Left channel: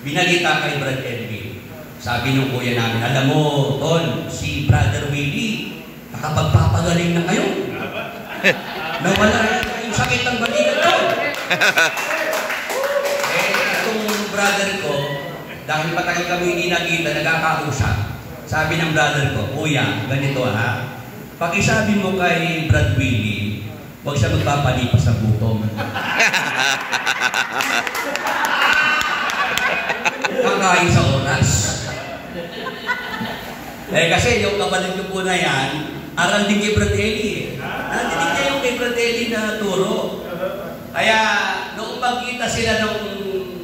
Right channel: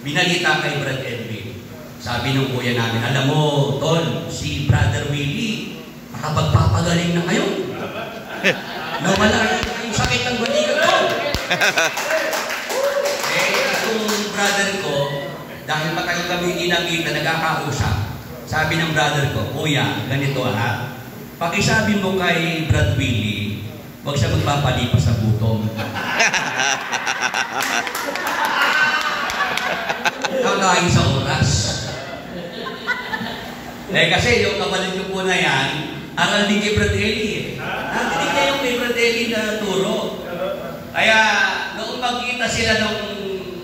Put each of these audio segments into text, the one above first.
binalita kay Brad Edwin. Sabi ng kuya namin, alam mo, Tol, si Brother Willie, nakapagpapagaling na ngayon. Nawala yung sakit ng balikat ko. Itong brother ko, dahil matagal kami hindi nakita, nagkakausap. Sabi ng brother ko, kuya, ganito ha, pakisabi mo kay Brad Willie, huwag siya magpapalipas sa gutom. Kakain sa oras. Kasi yung kabalit ko po na yan, aral din kay Brad Eli. Natinig niya yung kay Brad Eli na turo. Kaya, noong magkita sila ng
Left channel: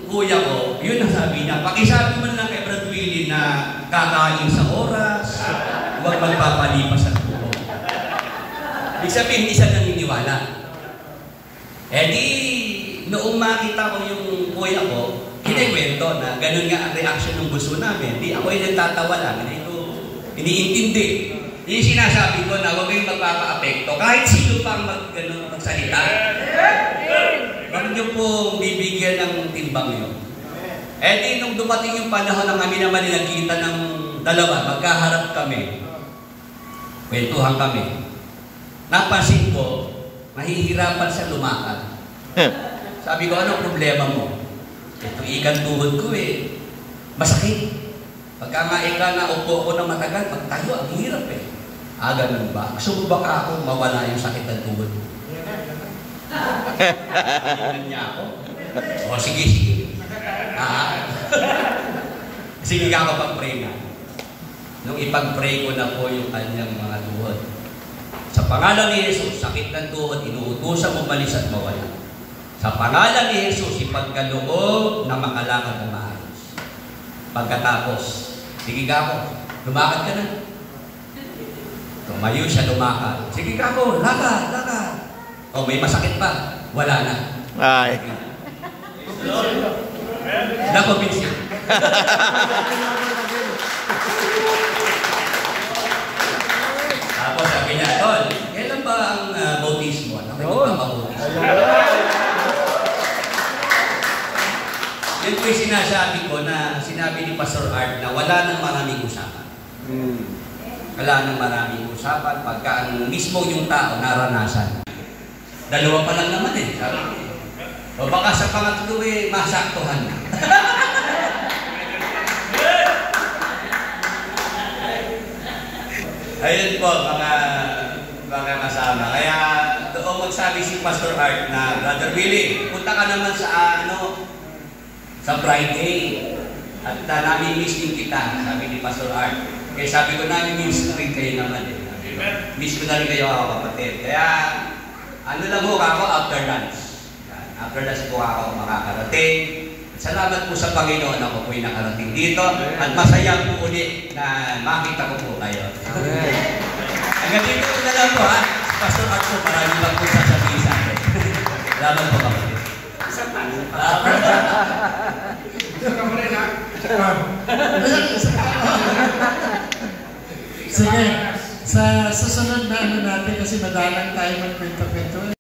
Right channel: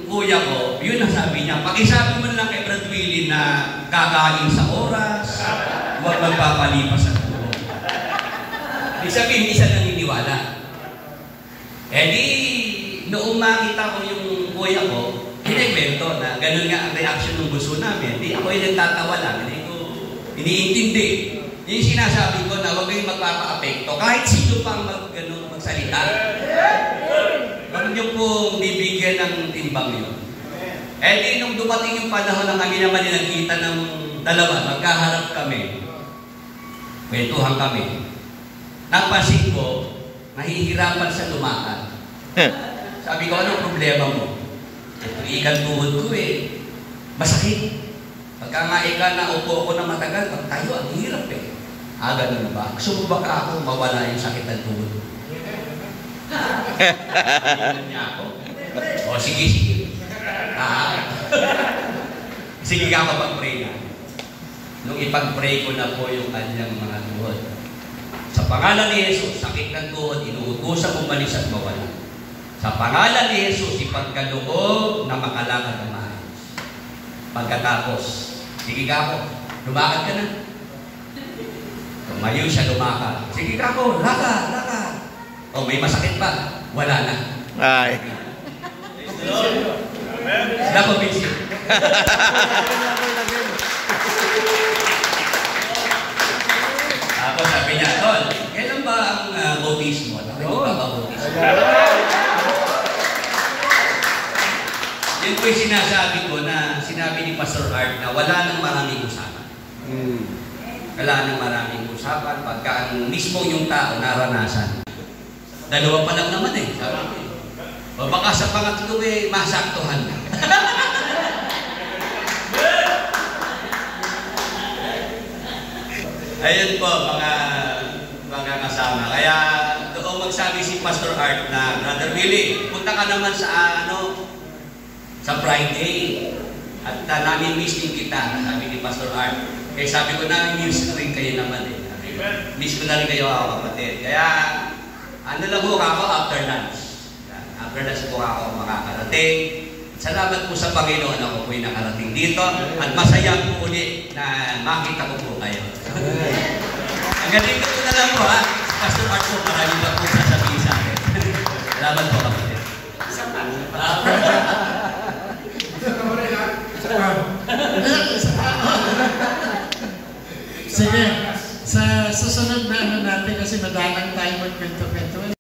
kuya ko, yun ang sabi niya, pakisabi man lang kay Brad Willie na kakain sa oras, huwag magpapalipas sa gutom. Ibig sabihin, hindi siya naniniwala. Di, noong makita ko yung kuya ko, kinikwento na ganun nga ang reaction ng gusto namin. Di ako yung nagtatawa lang, hindi ko iniintindi. Yung sinasabi ko na huwag kayong magpapa-apekto, kahit sino pang magsalita. Ganun yung pong bibigyan ng timbang yun. Di, nung dumating yung panahon na kami naman nagkita ng dalawa, magkaharap kami, kwentuhan kami. Napansin ko, mahihirapan sa lumakad. Sabi ko, anong problema mo? Ito ikan tuhod ko masakit. Pagka nga na upo ako na matagal, pag tayo, ang hirap ganun ba? Gusto mo ba ka ako mawala yung sakit ng tuhod? Tingnan niya ako. O sige. Sige ka kapag-pray na. Nung ipag-pray ko na po yung kanyang mga tuhod. Sa pangalan ni Jesus, sakit ng tuhod, inuutusan umalis at mawala. Sa pangalan ni Jesus, ipagkaloob na makalakad na maayos. Pagkatapos, sige ka ako, lumakad ka na. Tumayo siya lumakad. Sige ka ako, lakad. O may masakit pa, wala na. Ay. Nako, Bixi. Tapos sabi niya, Tol, kailan ba ang bautismo? Nakikita ba bautismo? Yun po yung sinasabi ko na sinabi ni Pastor Art na wala nang maraming usapan. Wala nang maraming usapan pagka ang mismo yung tao naranasan. Dalawa pa lang naman O baka sa pangatlo masaktuhan na. Ayun po mga kasama. Kaya doon magsabi si Pastor Art na, Brother Willie, punta ka naman sa Friday at namin-miss din kita, sabi ni Pastor Art. Kaya sabi ko namin-miss na rin kayo naman Miss ko na rin kayo kapatid. Kaya lang po ako after lunch. After lunch po ako makakarating. Salamat po sa Panginoon ako po'y nakarating dito at masaya po ulit na makita ko po kayo. Hanggang dito ko na lang po Pastor Art po, maraming pa po sasabihin sa akin. Salamat po kapatid. Sige, sa susunod na natin kasi madalang tayo magkwento-kwento.